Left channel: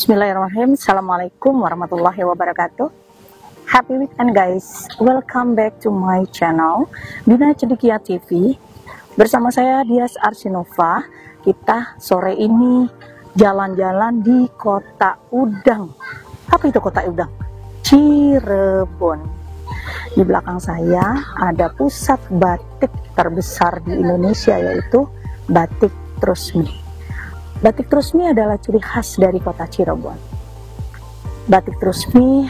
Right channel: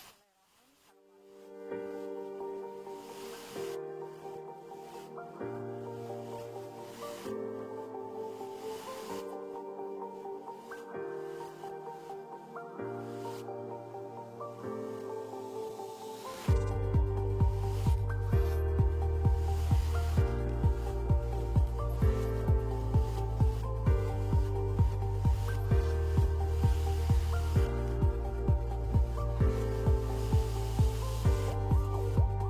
Bismillahirrahmanirrahim. Assalamualaikum warahmatullahi wabarakatuh. Happy weekend guys. Welcome back to my channel Dina Cendekia TV. Bersama saya Dias Arsinova. Kita sore ini jalan-jalan di Kota Udang. Apa itu Kota Udang? Cirebon. Di belakang saya ada pusat batik terbesar di Indonesia, yaitu Batik Trusmi. Batik Trusmi adalah ciri khas dari kota Cirebon. Batik Trusmi,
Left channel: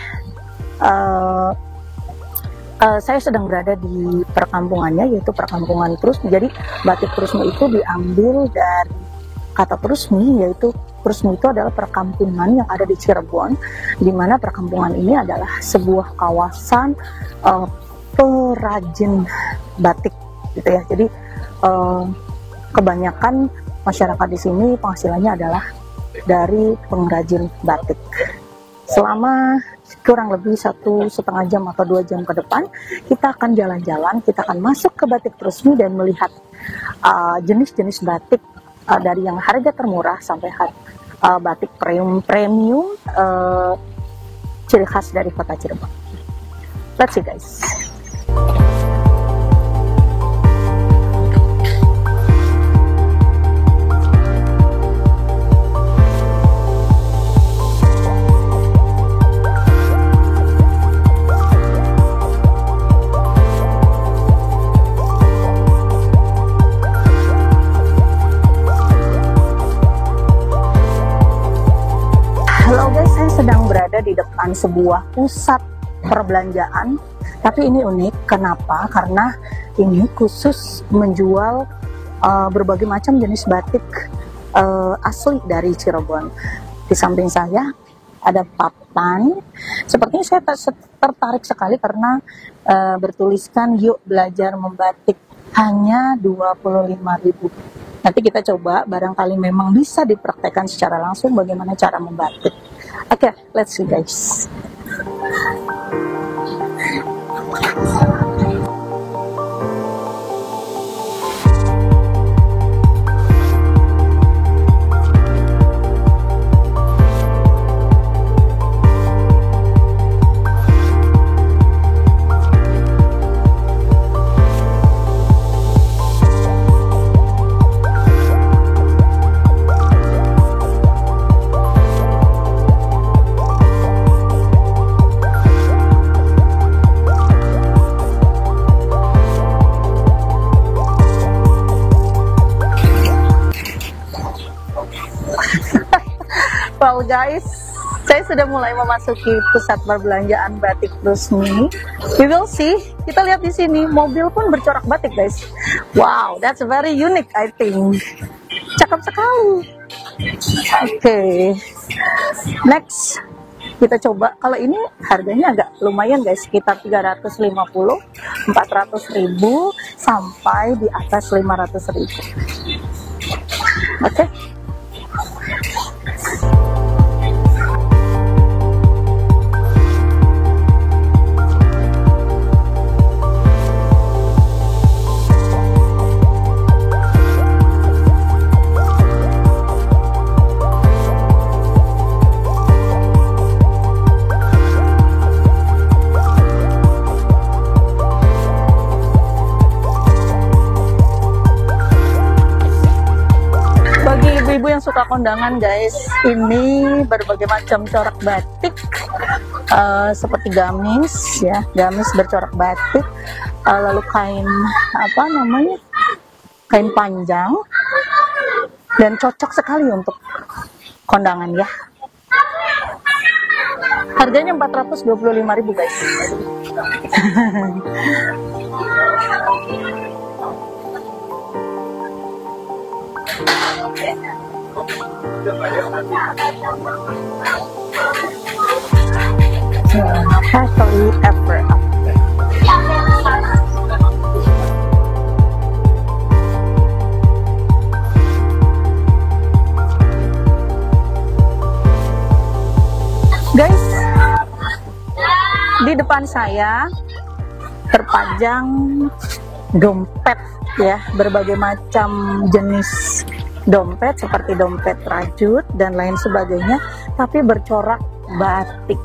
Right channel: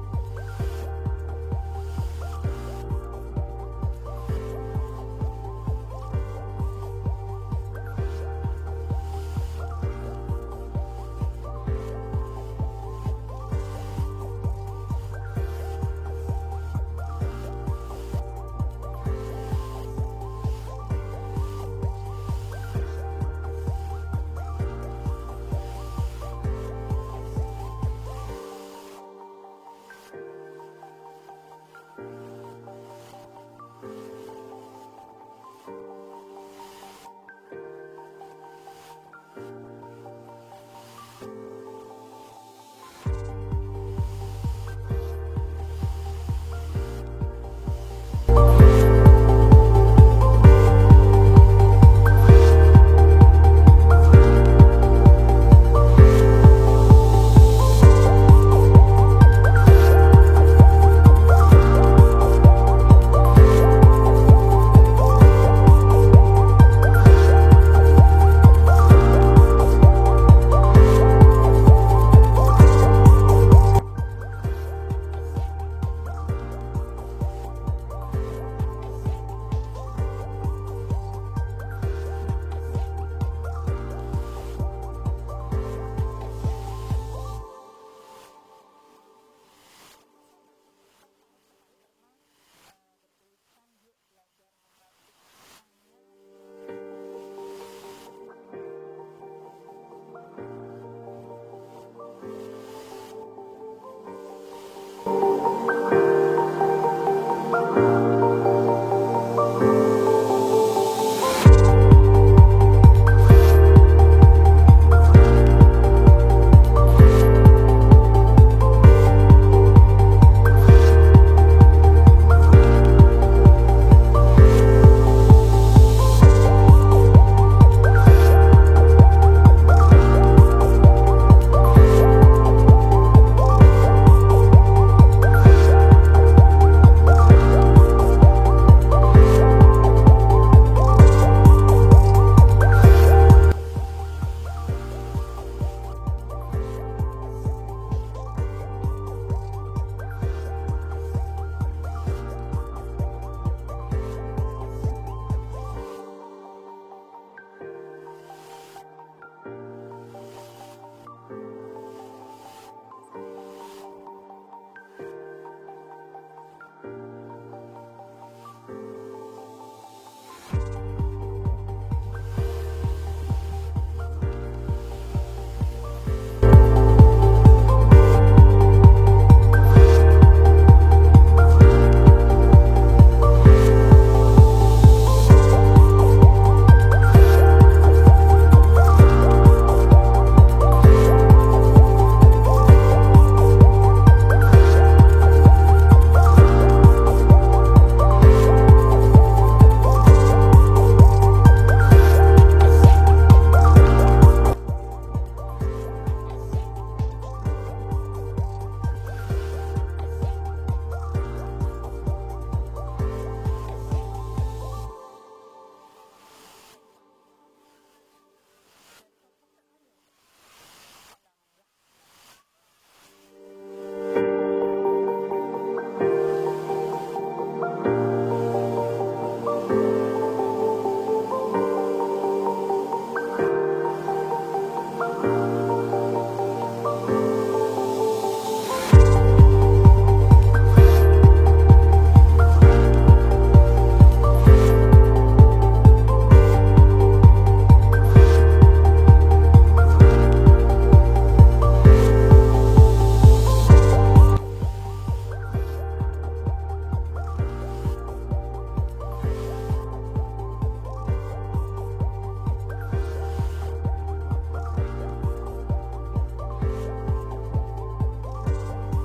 saya sedang berada di perkampungannya, yaitu perkampungan Trusmi. Jadi Batik Trusmi itu diambil dari kata Trusmi, yaitu Trusmi itu adalah perkampungan yang ada di Cirebon, di mana perkampungan ini adalah sebuah kawasan perajin batik, gitu ya. Jadi kebanyakan masyarakat di sini penghasilannya adalah dari pengrajin batik. Selama kurang lebih 1,5 jam atau 2 jam ke depan, kita akan jalan-jalan, kita akan masuk ke Batik Trusmi dan melihat jenis-jenis batik dari yang harga termurah sampai batik premium ciri khas dari kota Cirebon. Let's see guys. Sebuah pusat perbelanjaan, tapi ini unik. Kenapa? Karena ini khusus menjual berbagai macam jenis batik asli dari Cirebon. Di samping saya ada papan. Sepertinya saya tertarik sekali karena bertuliskan yuk belajar membatik, hanya 25.000. Nanti kita coba, barangkali memang bisa dipraktekkan secara langsung bagaimana cara membatik. Oke, let's see guys. Well guys, saya sudah mulai memasuki pusat perbelanjaan Batik Trusmi. We will see. Kita lihat di sini, mobil pun bercorak batik guys. Wow, that's very unique I think. Cakep sekali. Oke. Next, kita coba. Kalau ini harganya agak lumayan guys, sekitar 350, 400.000 sampai di atas 500.000. Oke. Suka kondangan guys, ini berbagai macam corak batik seperti gamis ya, gamis bercorak batik, lalu kain kain panjang, dan cocok sekali untuk kondangan ya. Harganya 425.000 guys. Guys, di depan saya terpajang dompet ya, berbagai macam jenis dompet seperti dompet rajut dan lain sebagainya, tapi bercorak batik.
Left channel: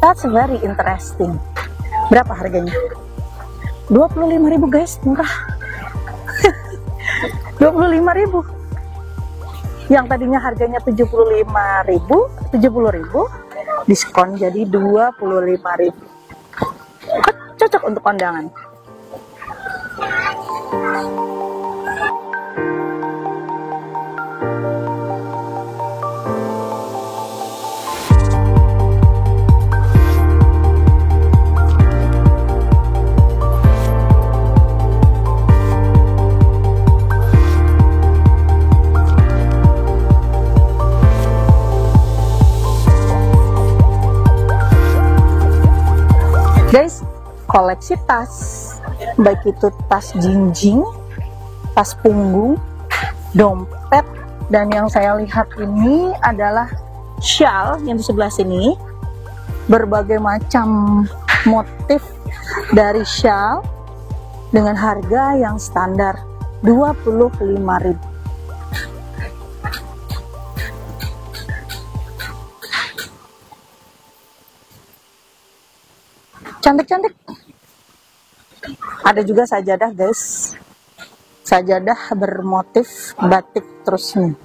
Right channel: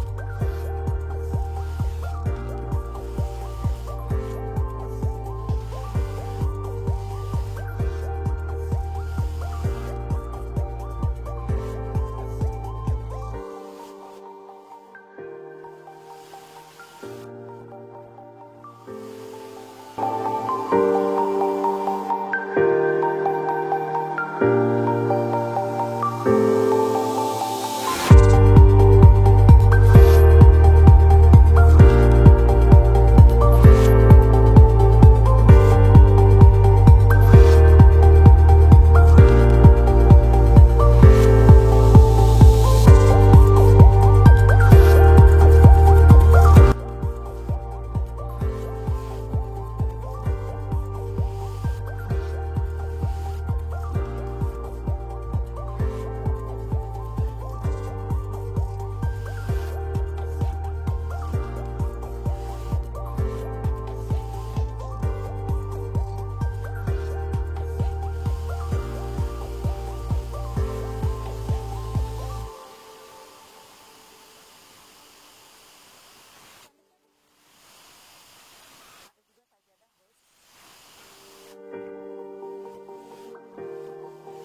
That's very interesting. Berapa harganya? 25.000 guys, murah. 25.000. Yang tadinya harganya 70.000 diskon jadi 25.000. Cocok untuk kondangan. Guys, koleksi tas, baik itu tas jinjing, tas punggung, dompet, dan yang saya lihat ini adalah shawl yang di sebelah sini. Berbagai macam motif dari shawl dengan harga yang standar 25.000. Cantik-cantik. Ada juga sajadah guys, sajadah bermotif batik terus nih.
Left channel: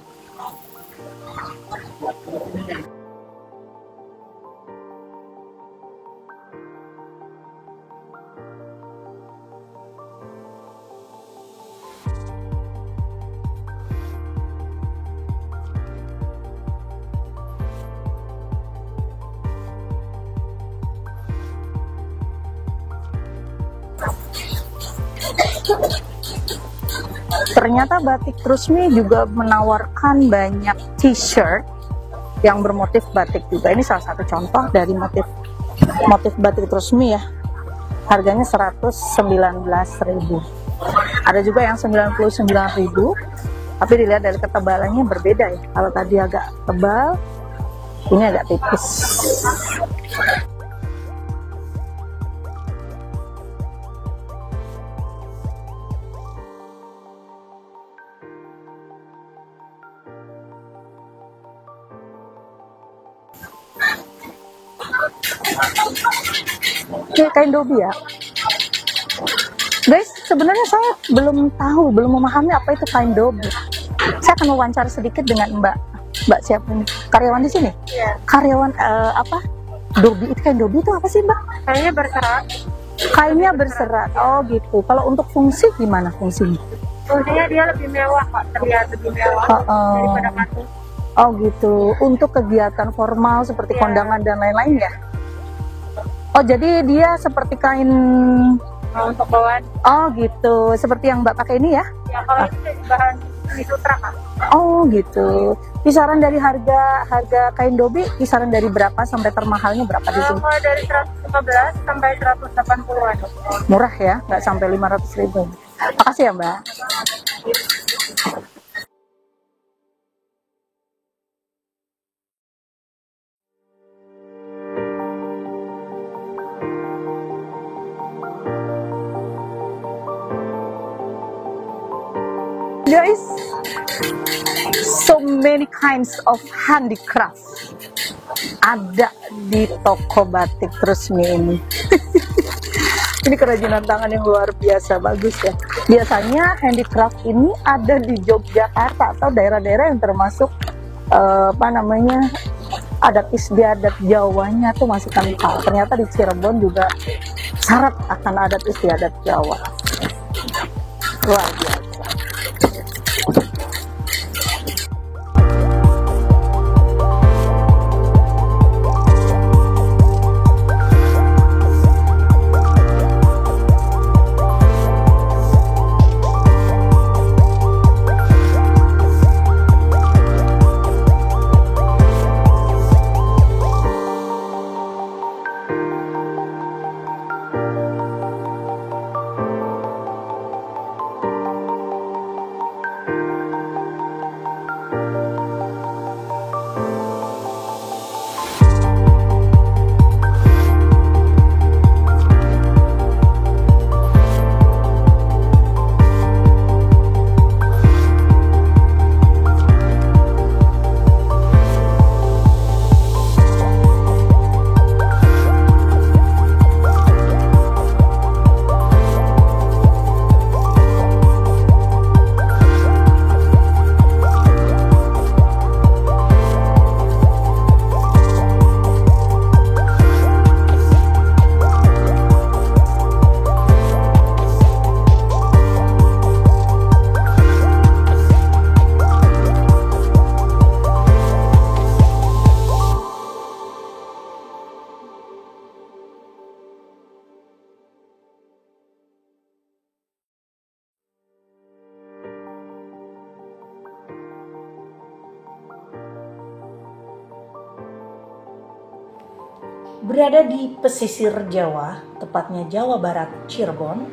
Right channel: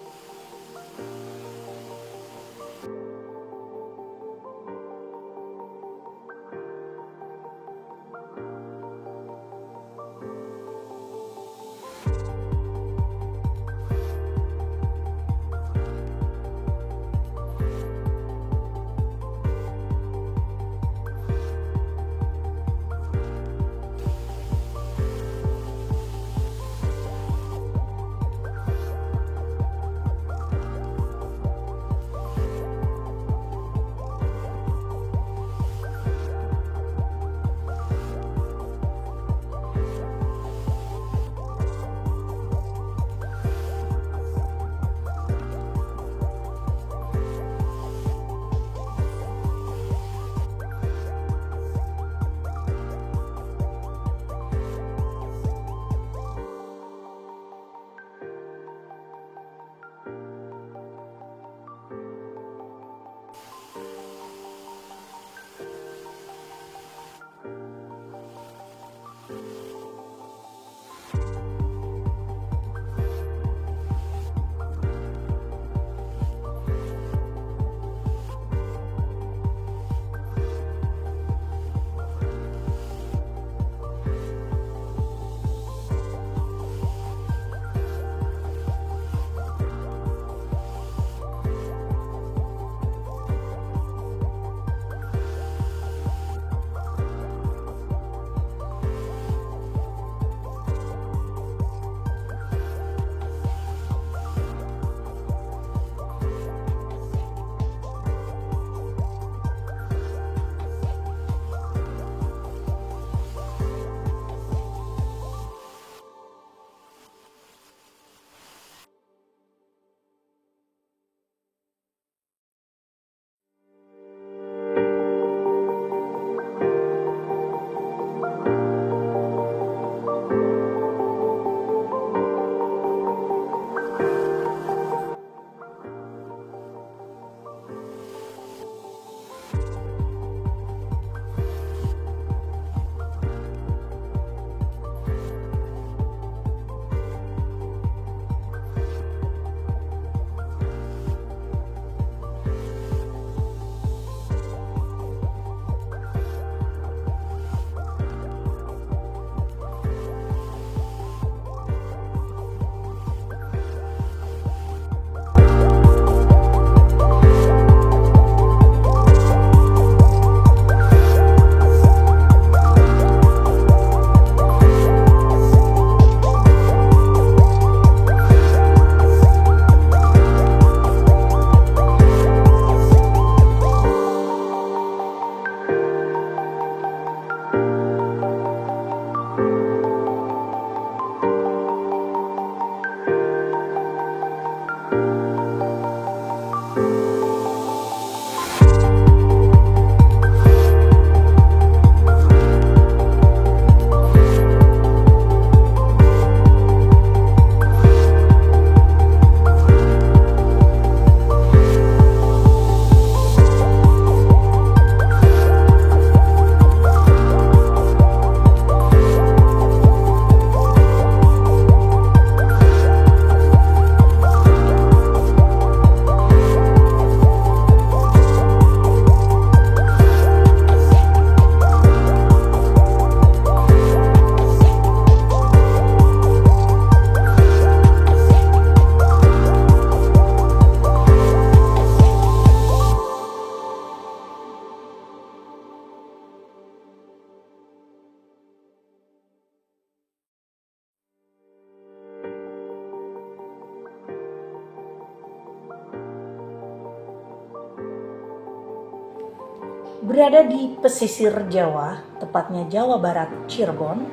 Ternyata Batik Trusmi juga menawarkan banyak t-shirt yang bermotif batik juga. Ini salah satu contoh dari motif Batik Trusmi ya. Harganya 119.000. Ada juga yang 99.000. Tapi dilihat dari ketebalannya berbeda ya. Kalau tadi agak tebal, ini agak tipis. Oke, kain dobi ya guys. Sebenarnya saya belum memahami apa itu kain dobi. Saya akan wawancara sedikit dengan Mbak siapa nih? Karyawan di sini? Iya. Karyawan apa? Dobi itu, kain dobi itu apa sih Mbak? Kainnya berserat. Kainnya berserat. Oh gitu. Kalau untuk fungsi gimana fungsinya? Fungsinya dia lebih mewah Pak, terlihat lebih mewah daripada katun. Oh gitu. Untuk kegiatan formal seperti kondangan dan lain-lain ya? Oh jadi dia seperti kain untuk bawaan. Oh gitu. Seperti yang Mbak pakai ini ya? Ya kalau ini bahan sutra Pak. Oh gitu. Kisaran dari harga kain dobi, kisaran dari berapa sampai termahalnya berapa di sini? Mulai dari 115 sampai 180-an. Murah ya, nggak sampai 500.000. Makasih ya Mbak. Guys, so many kinds of handicraft ada di toko Batik Trusmi ini. Ini kerajinan tangan yang luar biasa, bagus ya. Biasanya handicraft ini ada di Yogyakarta atau daerah-daerah yang termasuk adat istiadat Jawanya tuh masih kental. Ternyata di Cirebon juga syarat akan adat istiadat Jawa. Luar biasa. Berada di pesisir Jawa, tepatnya Jawa Barat, Cirebon,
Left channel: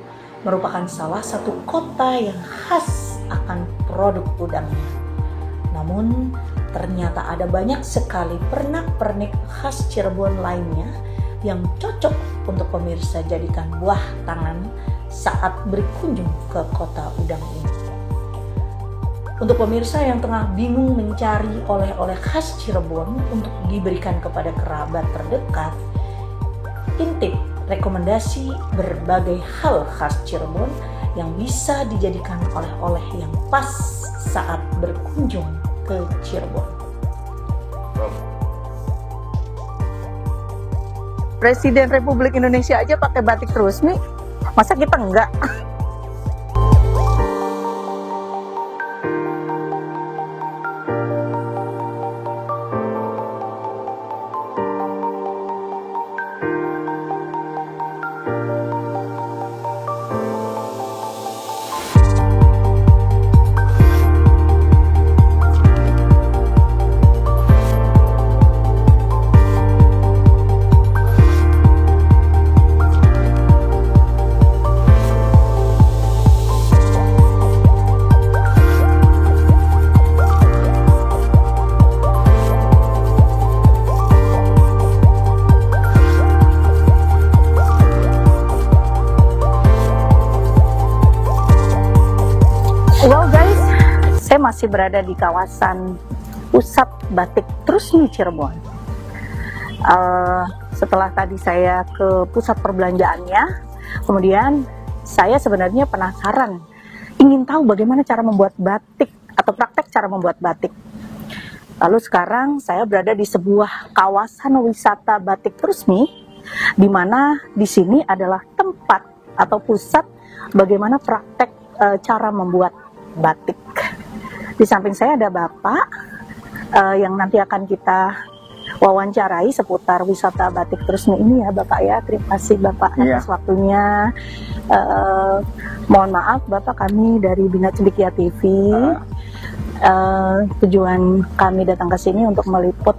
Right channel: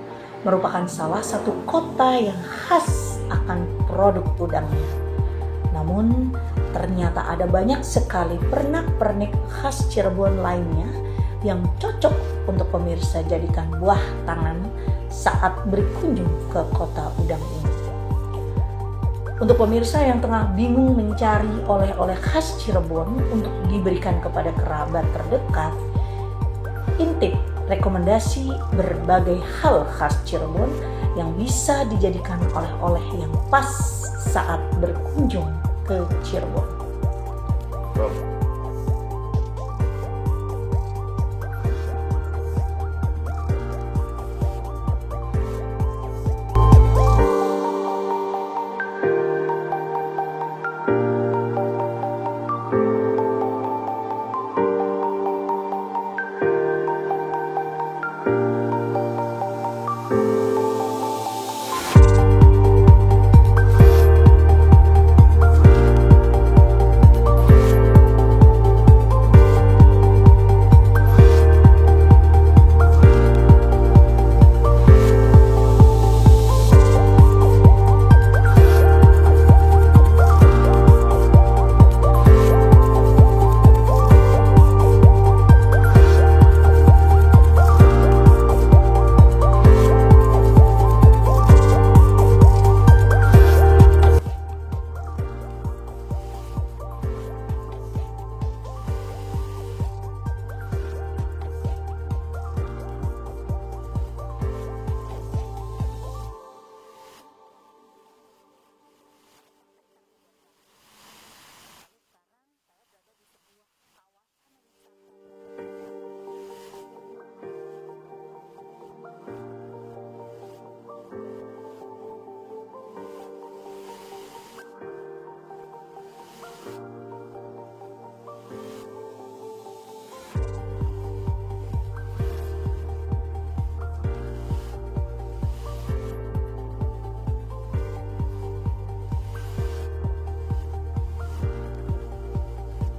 merupakan salah satu kota yang khas akan produk udangnya. Namun, ternyata ada banyak sekali pernak-pernik khas Cirebon lainnya yang cocok untuk pemirsa jadikan buah tangan saat berkunjung ke kota udang ini. Untuk pemirsa yang tengah bingung mencari oleh-oleh khas Cirebon untuk diberikan kepada kerabat terdekat, intip rekomendasi berbagai hal khas Cirebon yang bisa dijadikan oleh-oleh yang pas saat berkunjung ke Cirebon. Presiden Republik Indonesia aja pakai batik terus nih, masa kita enggak? Masih berada di kawasan pusat batik Trusmi Cirebon. Setelah tadi saya ke pusat perbelanjaannya, kemudian saya sebenarnya penasaran, ingin tahu bagaimana cara membuat batik atau praktek cara membuat batik. Lalu sekarang saya berada di sebuah kawasan wisata batik Trusmi, di mana di sini adalah tempat atau pusat bagaimana praktek cara membuat batik. Di samping saya ada Bapak yang nanti akan kita wawancarai seputar wisata batik Trusmi ini ya Bapak ya. Terima kasih Bapak atas waktunya. Mohon maaf Bapak, kami dari Bina Cendekia TV. Tujuan kami datang ke sini untuk meliput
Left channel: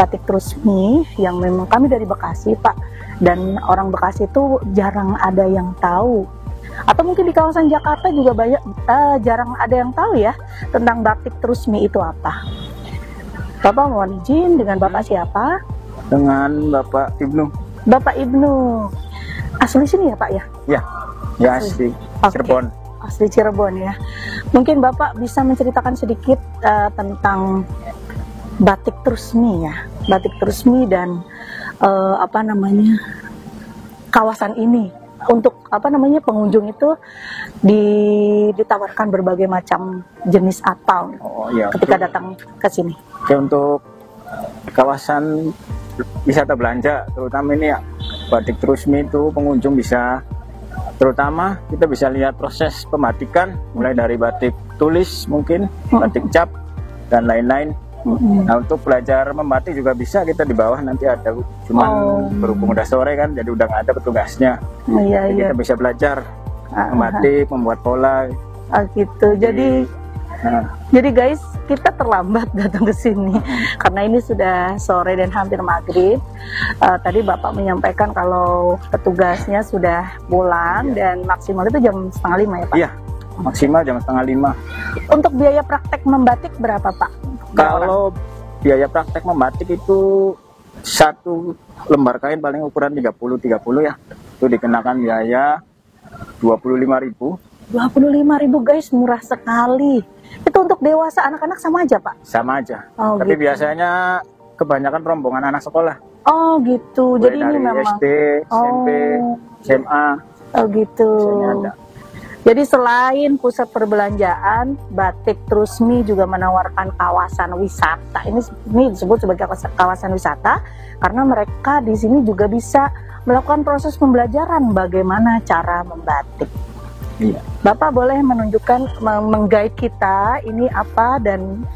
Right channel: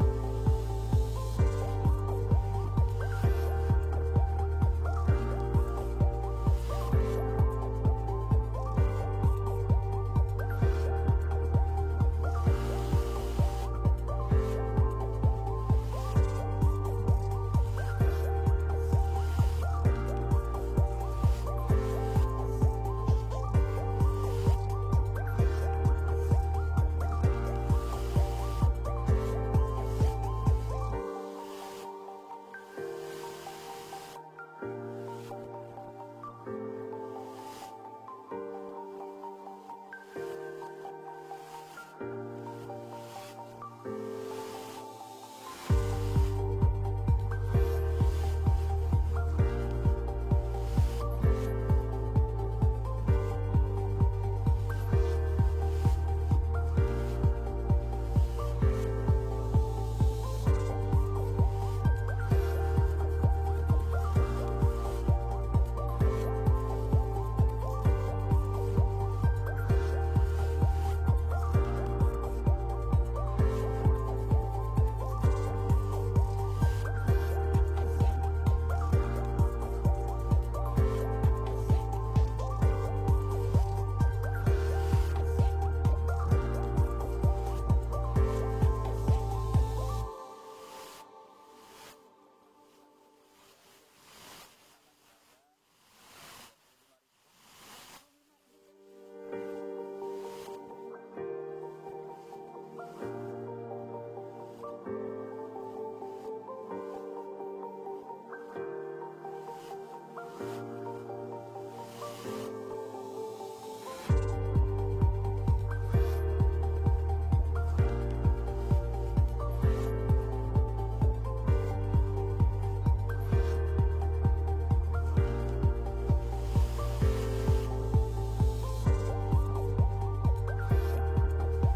batik Trusmi yang memang kami dari Bekasi Pak. Dan orang Bekasi itu jarang ada yang tahu. Atau mungkin di kawasan Jakarta juga banyak jarang ada yang tahu ya tentang batik Trusmi itu apa. Bapak mohon izin, dengan Bapak siapa? Dengan Bapak Ibnu. Bapak Ibnu. Asli sini ya Pak ya? Ya asli Cirebon. Asli Cirebon ya. Mungkin Bapak bisa menceritakan sedikit tentang batik Trusmi ya. Batik Trusmi dan kawasan ini. Untuk pengunjung itu ditawarkan berbagai macam jenis atau ketika datang ke sini. Oke, untuk kawasan wisata belanja terutama ini ya batik Trusmi itu pengunjung bisa, terutama kita bisa lihat proses pembatikan mulai dari batik tulis mungkin batik cap dan lain-lain. Nah, untuk belajar membatik juga bisa, kita di bawah nanti ada, cuman berhubung udah sore kan jadi udah nggak ada petugasnya. Kita bisa belajar membatik, membuat pola. Gitu. Jadi guys, kita terlambat datang ke sini karena ini sudah sore dan hampir maghrib. Tadi Bapak menyampaikan kalau petugasnya sudah pulang dan maksimal itu jam 4:30 ya Pak? Iya, maksimal jam 4:30. Untuk biaya praktek membatik berapa Pak? Kalau biaya praktek membatik itu satu lembar kain paling ukuran 30 ya, itu dikenakan biaya 25.000. 25.000 guys, murah sekali. Itu untuk dewasa, anak-anak sama aja Pak? Sama aja. Tapi gitu. Biasanya kebanyakan rombongan anak sekolah. Oh gitu. Mulai jadi ini memang SD, SMP, SMA. Oh gitu. Jadi selain pusat perbelanjaan, batik Trusmi juga menawarkan kawasan wisata. Ini disebut sebagai kawasan wisata karena mereka di sini juga bisa melakukan proses pembelajaran bagaimana cara membatik. Bapak boleh menunjukkan, meng-guide kita ini apa dan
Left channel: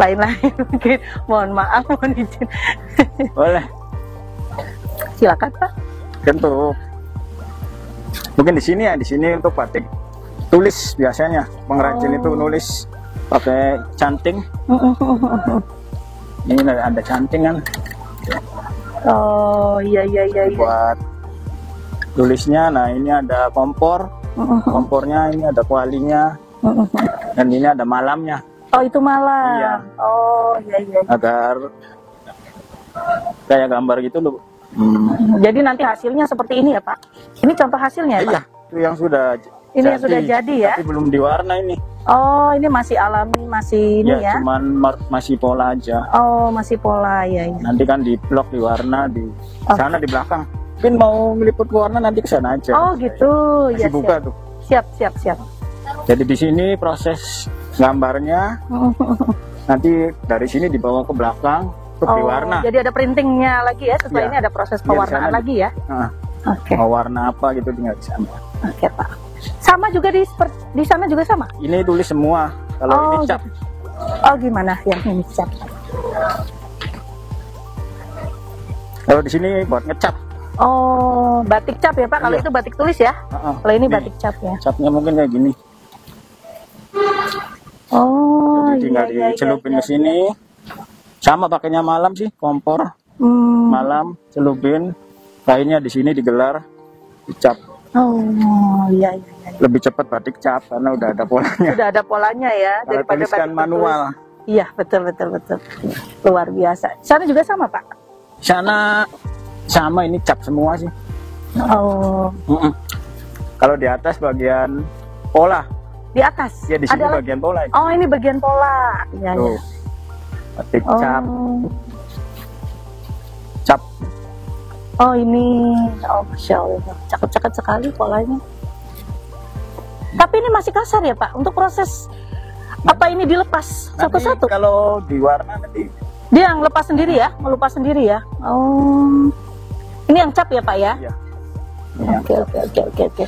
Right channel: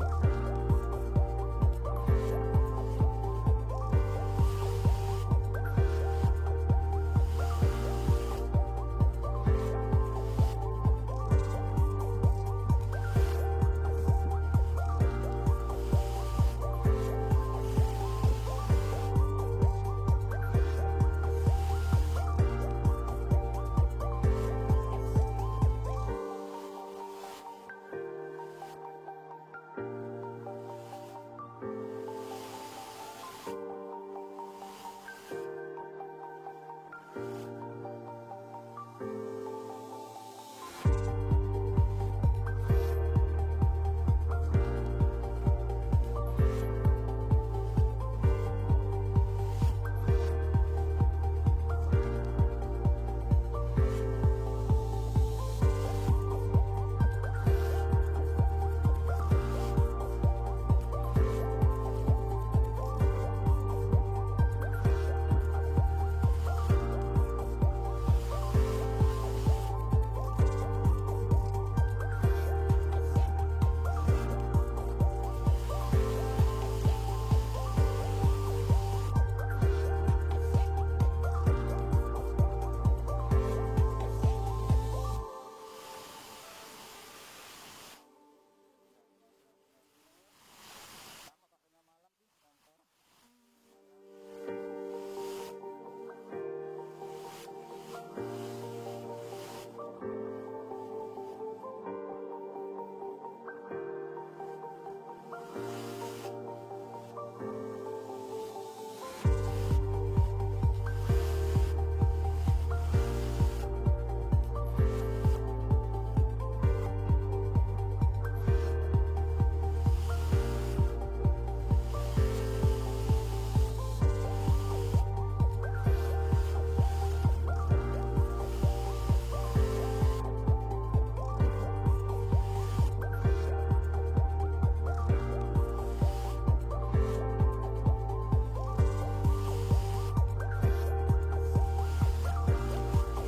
lain-lain mungkin. Mohon maaf, mohon izin. Boleh. Silakan Pak. Untuk mungkin di sini untuk batik tulis biasanya pengrajin itu nulis pakai canting. Ini ada canting kan. Oh iya iya iya. Iya. Buat tulisnya, nah ini ada kompor, kompornya ini ada kualinya, dan ini ada malamnya. Oh itu malam. Iya. Oh iya iya. Agar kayak gambar gitu loh. Jadi nanti hasilnya seperti ini ya Pak? Ini contoh hasilnya ya Pak? Iya, itu yang sudah. Ini yang sudah jadi ya? Tapi belum diwarna ini. Oh ini masih alami, masih ini ya? Cuman masih pola aja. Oh masih pola ya. Ya. Nanti kan di blok diwarna di sana di belakang. Mungkin mau meliput warna nanti ke sana aja. Oh gitu. Masih Ya, buka siap. tuh. Siap siap siap. Jadi di sini proses gambarnya nanti dari sini dibawa ke belakang untuk diwarna. Jadi ada printingnya lagi ya, setelah Iya. ini ada proses Iya, di pewarnaan sana lagi ya. Nah, Oke. mau warna apa gitu tinggal di sana. Oke Pak. Sama juga di sana juga sama? Ini tulis semua. Kalau Oh, ini cap. Oh gimana yang ini cat? Kalau di sini buat ngecap. Oh batik cap ya Pak, kalau Iya. itu batik tulis ya? Kalau ini batik cap ya? Capnya mungkin kayak gini. Oh Jadi tinggal iya, dicelupin iya. ke sini. Sama pakainya malam sih, kompor. Malam celupin. Kainnya di sini digelar, dicap. Oh iya, iya. Lebih cepat batik cap karena udah ada polanya. Sudah ada polanya ya Kalau daripada tuliskan batik manual. tertulis. Iya betul betul betul. Luar biasa. Sana juga sama Pak? Sana sama, ini cap semua sih. Oh Kalau di atas bagian pola, di atas? ya di sini Ada bagian pola. Oh ini bagian pola. Iya Tuh, iya. batik Oh. cap, cap. Oh ini, oh Masya Allah, cakep-cakep sekali polanya. Tapi ini masih kasar ya Pak, untuk proses apa ini dilepas Nanti satu-satu? kalau diwarna nanti Dia yang lepas sendiri ya, melepas sendiri ya? Oh, ini yang cap ya Pak ya? ya. Ya, Oke oke oke oke oke.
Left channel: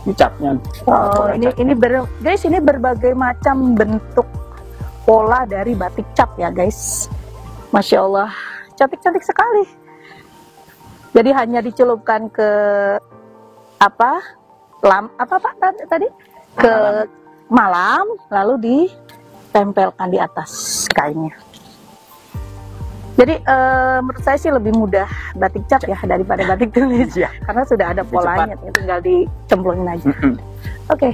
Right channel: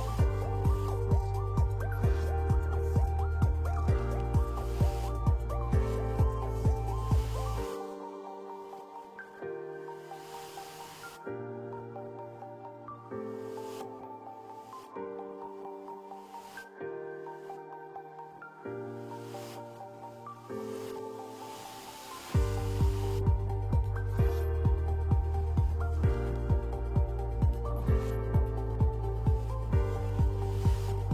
ini capnya. Oh Pola cap. ini guys ini berbagai macam bentuk pola dari batik cap ya guys. Masya Allah, cantik-cantik sekali. Jadi hanya dicelupkan ke apa Pak tadi ke malam, lalu ditempelkan di atas kainnya. Jadi menurut saya sih lebih mudah batik cap ya daripada batik tulis Iya. karena sudah ada Lebih polanya, tinggal dicemplungin aja. Oke.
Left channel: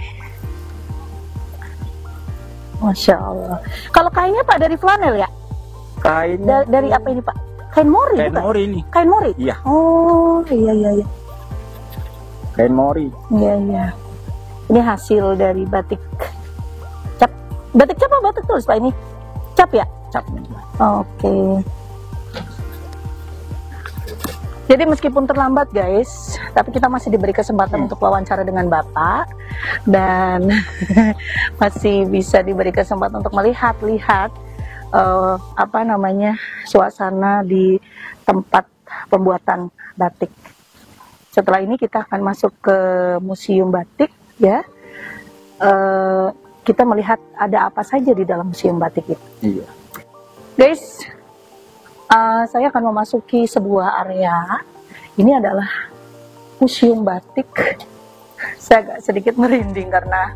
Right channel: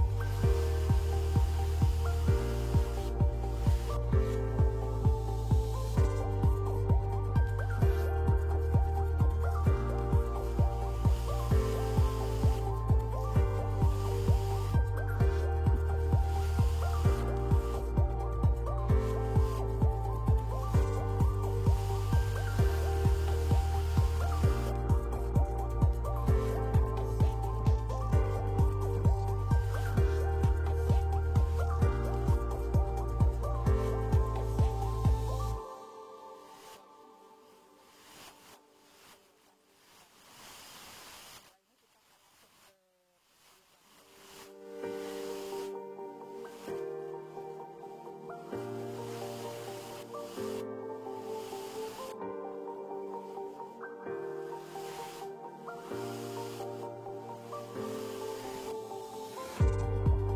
Masya Allah. Kalau kainnya Pak dari flanel ya? Kainnya Dari apa ini Pak? Kain mori kain bukan? mori ini. Kain mori? Iya, Oh iya iya iya. kain mori. Iya iya. Ini hasil dari batik cap. Batik cap apa batik tulis Pak ini? Cap ya? Cap. Oke. Jadi meskipun terlambat guys, tapi kita masih diberi kesempatan untuk wawancara dengan Bapak dan masih bisa diberi kesempatan untuk melihat-lihat suasana di tempat pembuatan batik. Setelah ini kita akan masuk ke museum batik ya. Kita melihat ada apa saja di dalam museum batik itu. Iya. Guys, saya akan memasuki sebuah area. Ini adalah museum batik. Saya agak sedikit merinding karena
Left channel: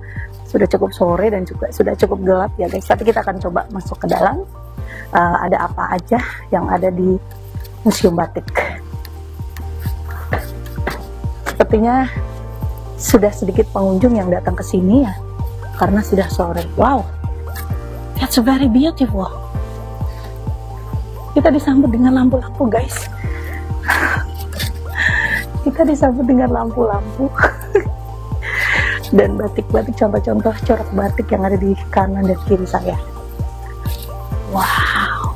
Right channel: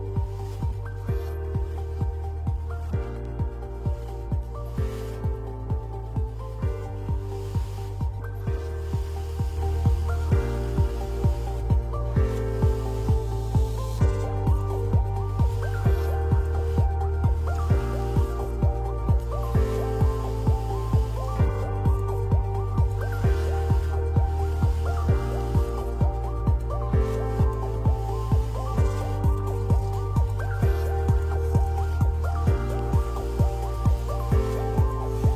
sudah cukup sore dan juga sudah cukup gelap ya guys. Tapi kita akan coba masuk ke dalam. Ada apa aja yang ada di museum batik. Sepertinya sudah sedikit pengunjung yang datang ke sini ya, karena sudah sore. Wow, that's very beautiful. Kita disambut dengan lampu-lampu guys. Kita disambut dengan lampu-lampu. Dan batik-batik, contoh-contoh corak batik yang ada di kanan dan kiri saya. Wow,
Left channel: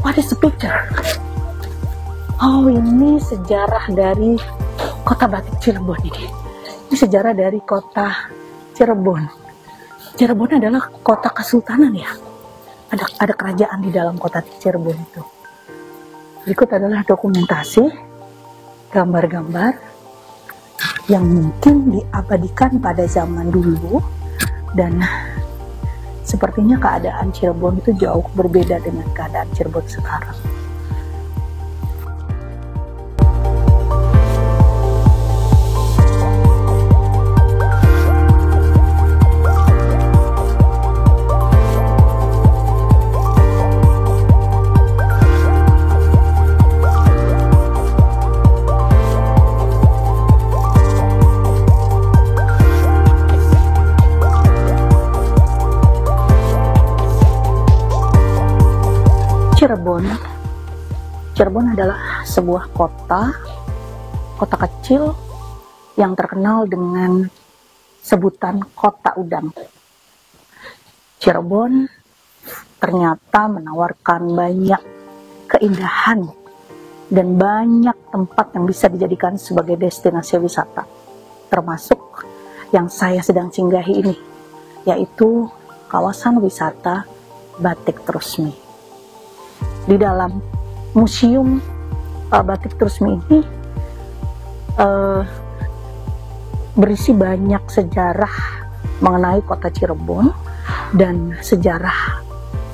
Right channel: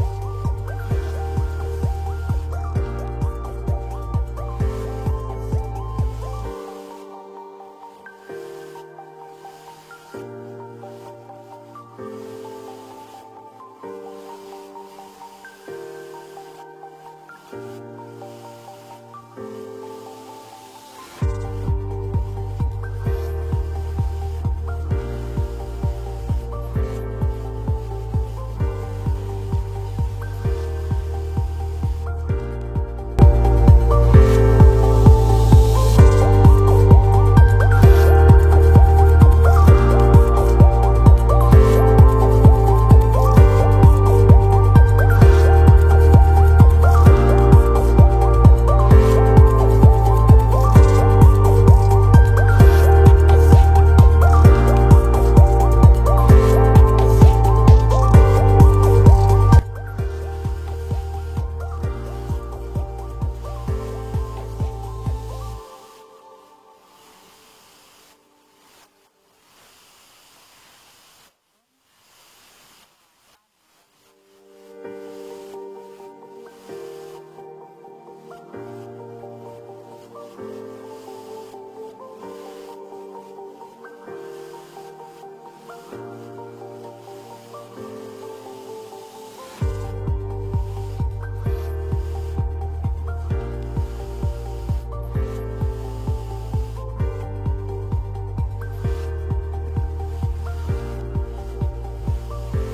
what is the picture? Oh ini sejarah dari kota batik Cirebon ini. Ini sejarah dari kota Cirebon. Cirebon adalah kota kesultanan ya. Ada kerajaan di dalam kota Cirebon itu. Berikut adalah dokumentasi gambar-gambar yang mungkin diabadikan pada zaman dulu, dan sepertinya keadaan Cirebon itu jauh berbeda dengan keadaan Cirebon sekarang. Cirebon. Cirebon adalah sebuah kota kecil yang terkenal dengan sebutan kota udang. Cirebon ternyata menawarkan banyak keindahan dan banyak tempat yang bisa dijadikan sebagai destinasi wisata, termasuk yang saya sedang singgahi ini, yaitu kawasan wisata Batik Trusmi. Di dalam museum Batik Trusmi ini berisi banyak sejarah mengenai kota Cirebon dan sejarah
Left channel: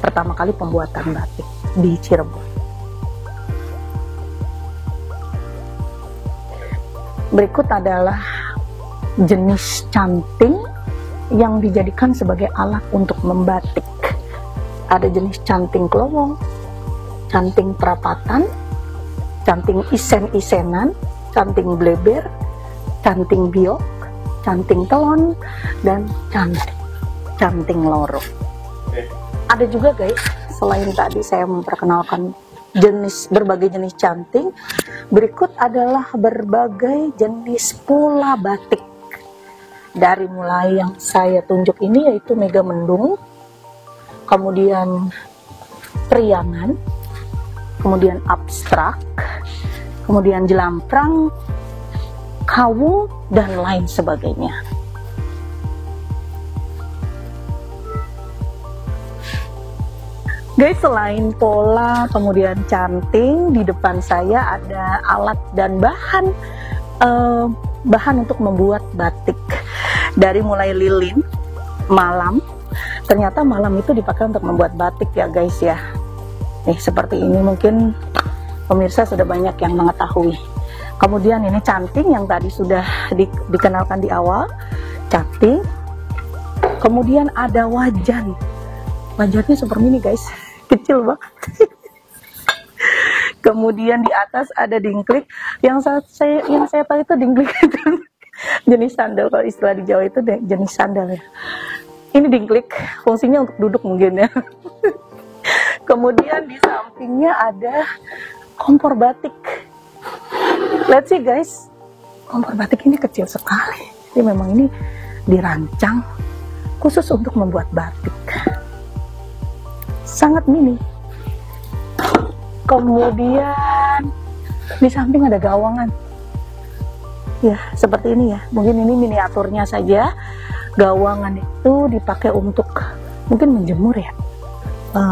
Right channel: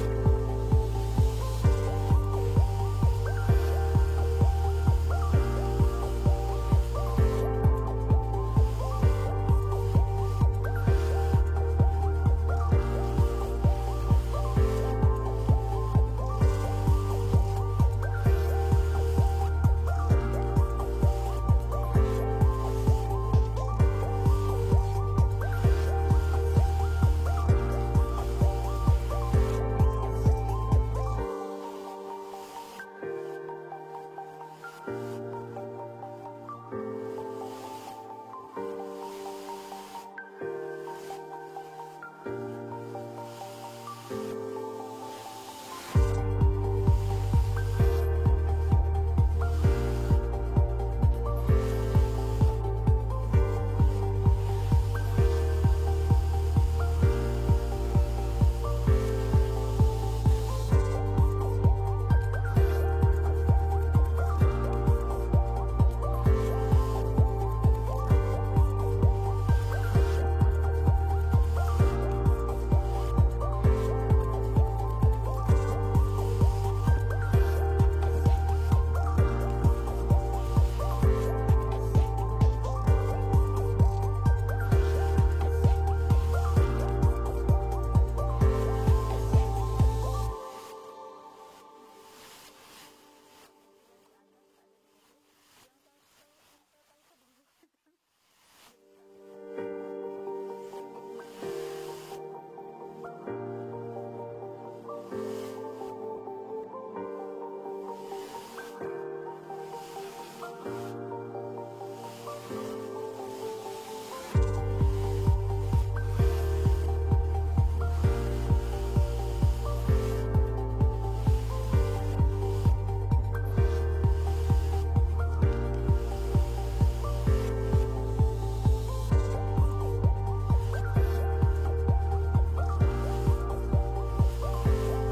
pertama kali pembuatan batik di Cirebon. Berikut adalah jenis canting yang dijadikan sebagai alat untuk membatik. Ada jenis canting kelowong, canting perapatan, canting isen-isenan, canting bleber, canting biok, canting telon, dan canting loro. Ada juga guys, selain tadi saya memperkenalkan berbagai jenis canting, berikut adalah berbagai jenis pola batik. Dari mulai yang saya tunjuk ini yaitu mega mendung, kemudian priangan, kemudian abstrak, kemudian jelamprang, kawu, dan lain sebagainya. Guys, selain pola kemudian canting, di depan saya ada alat dan bahan untuk membuat batik. Dari mulai lilin, malam. Ternyata malam itu dipakai untuk membuat batik ya guys ya. Nih seperti ini, mungkin pemirsa sudah banyak yang mengetahui. Kemudian ini canting yang tadi sudah dikenalkan di awal, canting. Kemudian ada wajan. Wajannya super mini guys, kecil banget. Kemudian di atas ada dingklik. Yang saya tahu itu dingklik itu jenis sandal, kalau istilah di Jawa itu jenis sandal ya. Ini dingklik, fungsinya untuk duduk mungkin ya. Kemudian di sampingnya ada kompor batik. Let's see guys, kompor batik ini kecil sekali. Jadi memang ini dirancang khusus untuk membuat batik. Sangat mini. Kemudian di samping ada gawangan. Ya, seperti ini ya. Mungkin ini miniaturnya saja. Gawangan itu dipakai untuk mungkin menjemur ya.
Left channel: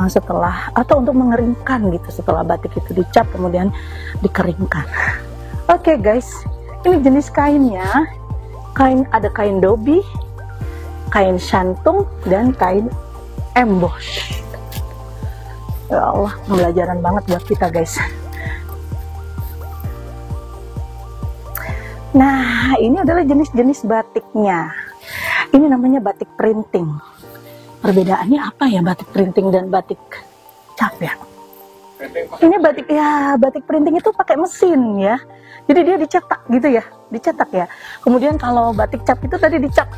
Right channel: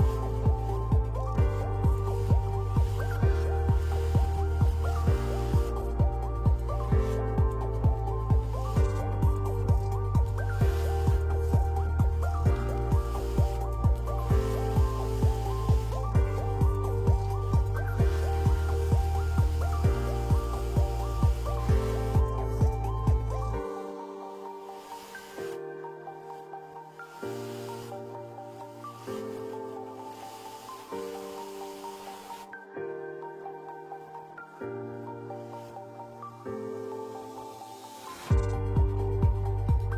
Setelah atau untuk mengeringkan gitu, setelah batik itu dicap kemudian dikeringkan. Oke guys, ini jenis kainnya. Ada kain dobi, kain shantung, dan kain emboss. Ya Allah, pembelajaran banget buat kita guys. Nah, ini adalah jenis-jenis batiknya. Ini namanya batik printing. Perbedaannya apa ya batik printing dan batik cap ya? Ini batik printing itu pakai mesin ya. Jadi dia dicetak gitu ya, dicetak ya. Kemudian kalau batik cap itu tadi dicap.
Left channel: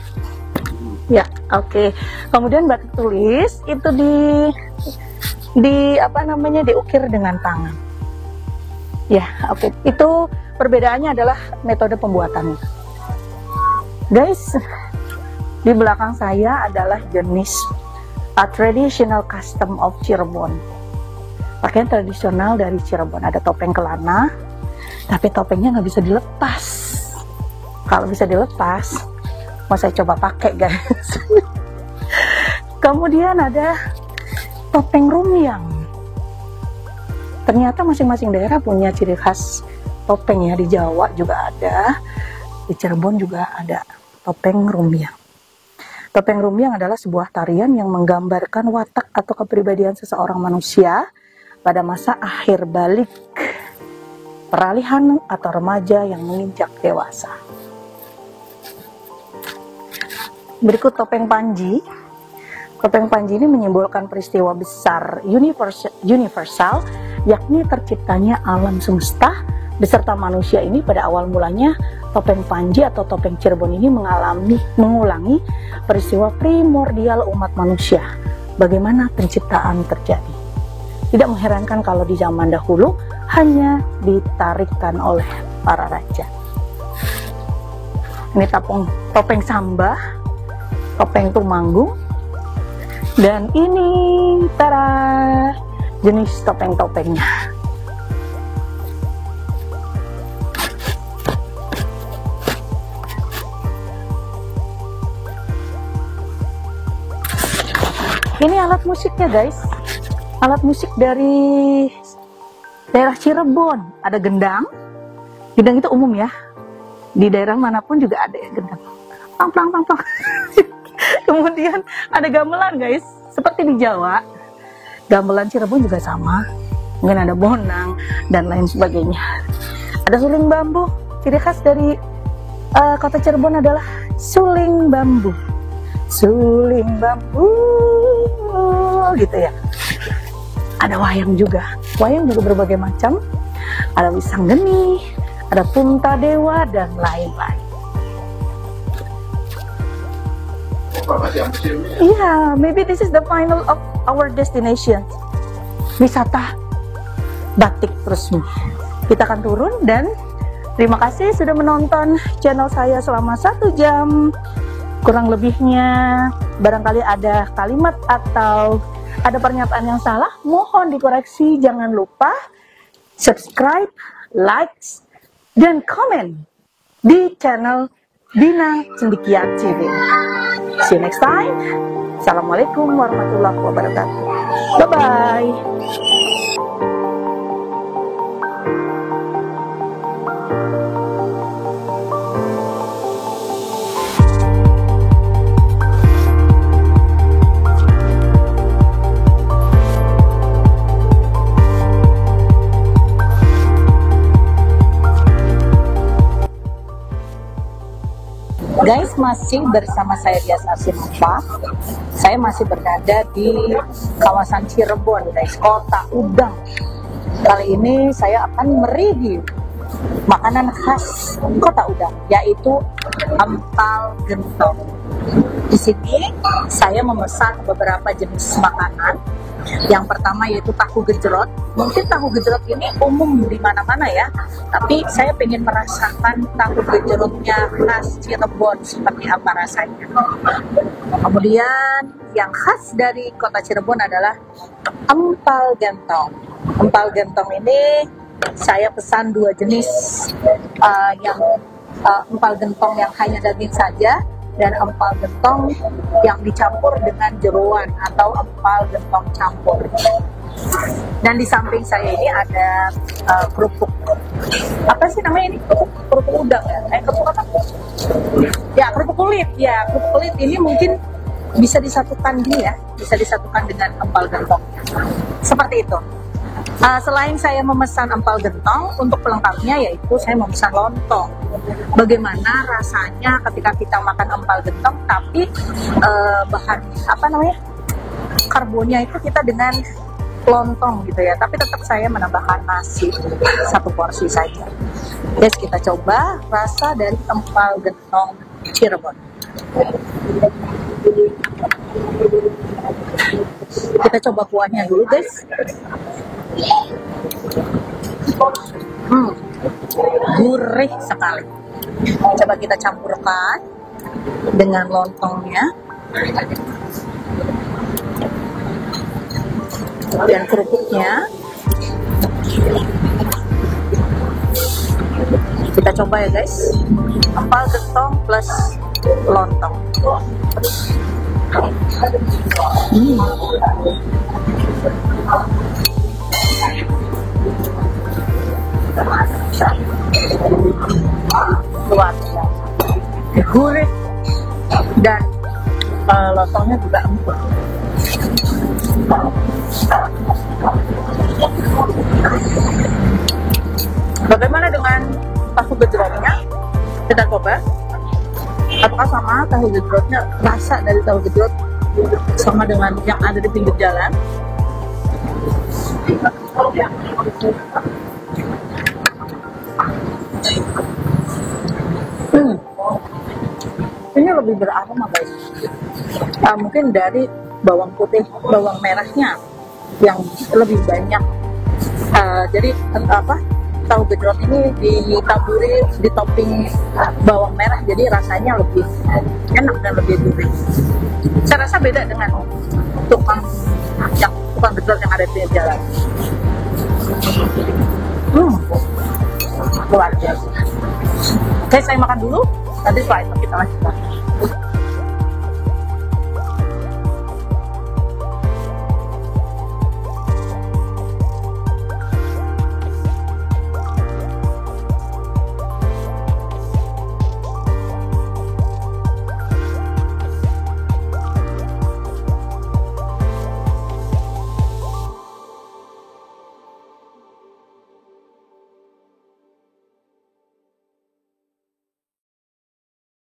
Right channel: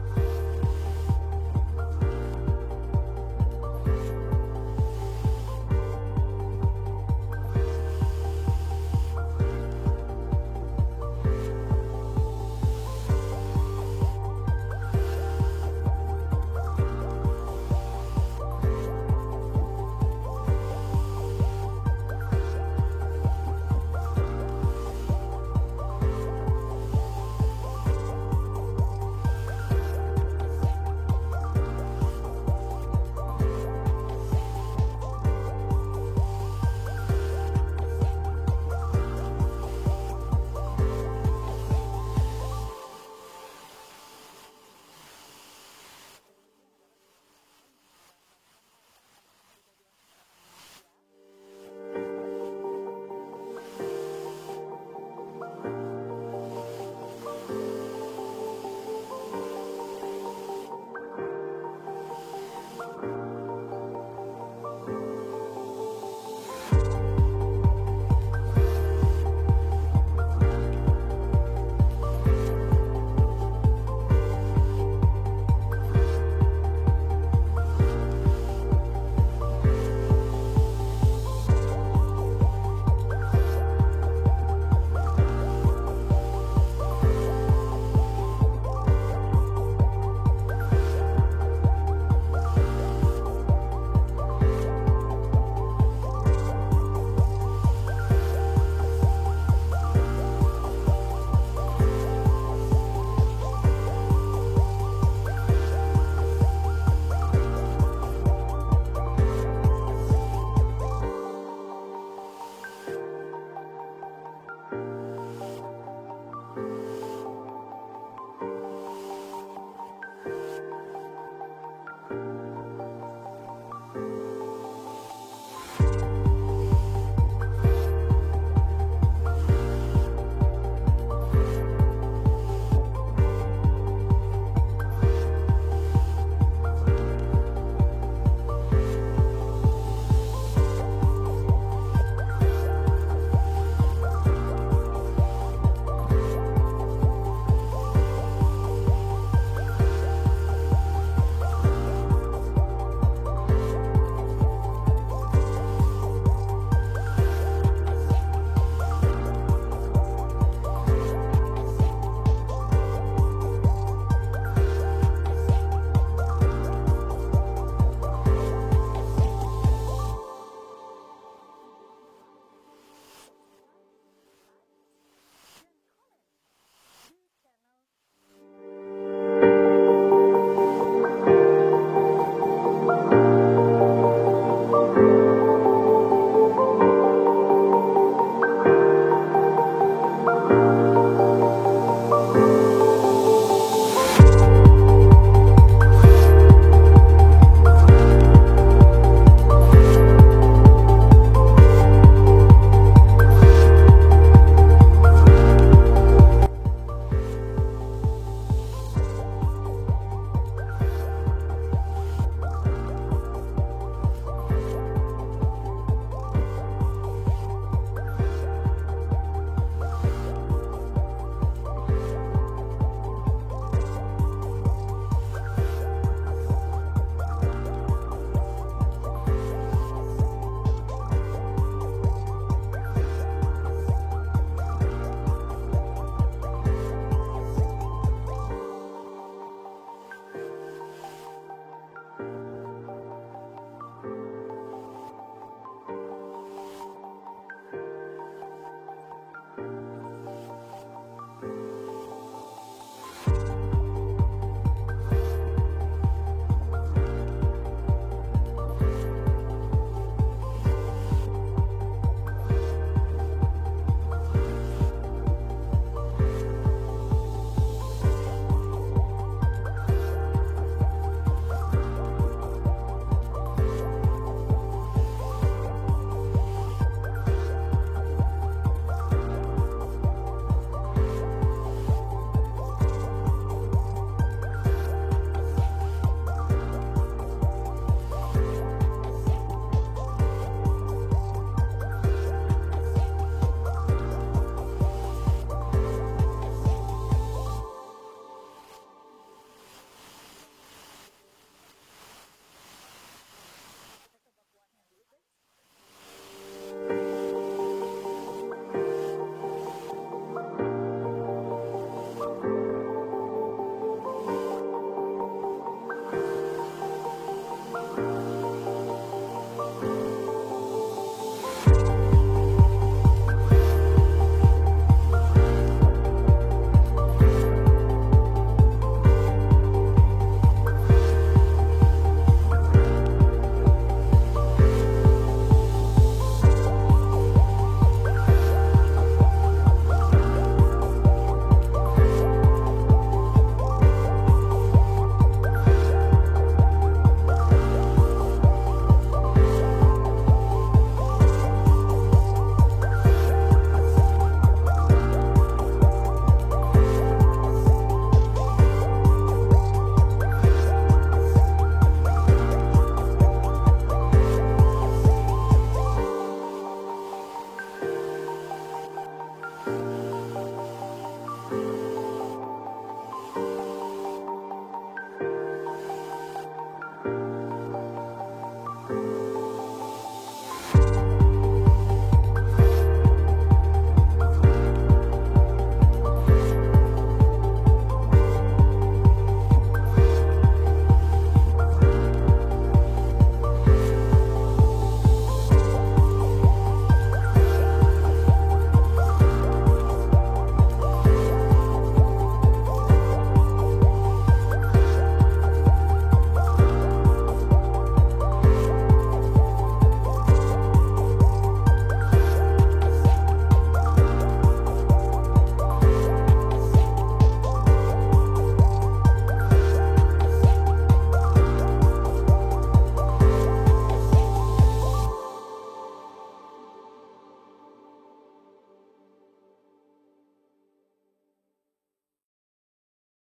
Ya, oke. Kemudian batik tulis itu diukir dengan tangan. Ya, oke. Itu perbedaannya adalah metode pembuatannya. Guys, di belakang saya adalah jenis traditional custom of Cirebon. Pakaian tradisional dari Cirebon. Ada topeng kelana, tapi topengnya nggak bisa dilepas. Kalau bisa dilepas, mau saya coba pakai guys. Kemudian ada topeng rumiang. Ternyata masing-masing daerah punya ciri khas topeng ya. Di Jawa juga ada, di Cirebon juga ada topeng rumiang. Topeng rumiang adalah sebuah tarian yang menggambarkan watak atau kepribadian seseorang manusia pada masa akhir balik, peralihan atau remaja yang menginjak dewasa. Berikut topeng Panji. Topeng Panji ini menyimbolkan peristiwa besar universal, yakni terciptanya alam semesta beserta manusia ini. Pada awal mulanya, topeng Panji atau topeng Cirebon ini mengulangi peristiwa primordial umat manusia. Bagaimana penciptaan terjadi. Tidak mengherankan kalau di zaman dahulu hanya ditarikan oleh para raja. Ini topeng Samba, topeng Tumanggung, dan ini tara jenis topeng-topengnya. Ini alat musiknya guys, alat musik dari daerah Cirebon. Ada gendang, gendang itu umum ya, di daerah manapun juga ada ya gendang, pang pang pang pang. Kemudian ada gamelan guys, seperti di Jawa, gamelan Cirebon juga sama, mungkin ada bonang dan lain sebagainya. Ada suling bambu, ciri khas dari kota Cirebon adalah suling bambu, suling bambu gitu ya. Ada wayang juga berbagai macam, ada wisang geni, ada punta dewa dan lain-lain. Yeah, maybe this is the final of our destination, wisata batik Trusmi. Kita akan turun, dan terima kasih sudah menonton channel saya selama 1 jam. Kurang lebihnya barangkali ada kalimat atau ada pernyataan yang salah, mohon dikoreksi. Jangan lupa subscribe, like, dan komen di channel Dina Cendekia TV. See you next time. Assalamualaikum warahmatullahi wabarakatuh. Bye-bye. Guys, masih bersama saya Dias Arsinova. Saya masih berada di kawasan Cirebon guys, kota udang. Kali ini saya akan mereview makanan khas kota udang, yaitu empal gentong. Di sini saya memesan beberapa jenis makanan. Yang pertama yaitu tahu gejrot. Mungkin tahu gejrot ini umum di mana-mana ya, tapi saya ingin merasakan tahu gejrotnya khas Cirebon seperti apa rasanya. Kemudian yang khas dari kota Cirebon adalah empal gentong. Empal gentong ini saya pesan 2 jenis, empal gentong yang hanya daging saja, dan empal gentong yang dicampur dengan jeroan atau empal gentong campur. Dan di samping saya ini ada kerupuk, apa sih namanya ini, kerupuk udang ya, kerupuk apa? Ya, kerupuk kulit. Ya, kerupuk kulit ini mungkin bisa disatukan gini ya, bisa disatukan dengan empal gentong. Seperti itu. Selain saya memesan empal gentong, untuk pelengkapnya yaitu saya memesan lontong. Bagaimana rasanya ketika kita makan empal gentong, tapi bahan karbonnya itu kita dengan lontong gitu ya, tapi tetap saya menambahkan nasi 1 porsi saja. Guys, kita coba rasa dari empal gentong Cirebon. Kita coba kuahnya dulu guys. Gurih sekali. Coba kita campurkan dengan lontongnya dan kerupuknya. Kita coba ya guys, empal gentong plus lontong. Luar biasa, gurih, dan lontongnya juga empuk. Bagaimana dengan tahu gejrotnya? Kita coba. Apakah sama tahu gejrotnya? Rasa dari tahu gejrot sama dengan yang ada di pinggir jalan? Ini lebih beraroma guys. Mungkin dari bawang putih, bawang merahnya yang lebih banyak. Jadi tahu gejrot ini ditaburi di topping bawang merah, jadi rasanya lebih enak dan lebih gurih. Saya rasa beda dengan tukang gejrot yang ada di jalan. Luar biasa. Oke, saya makan dulu.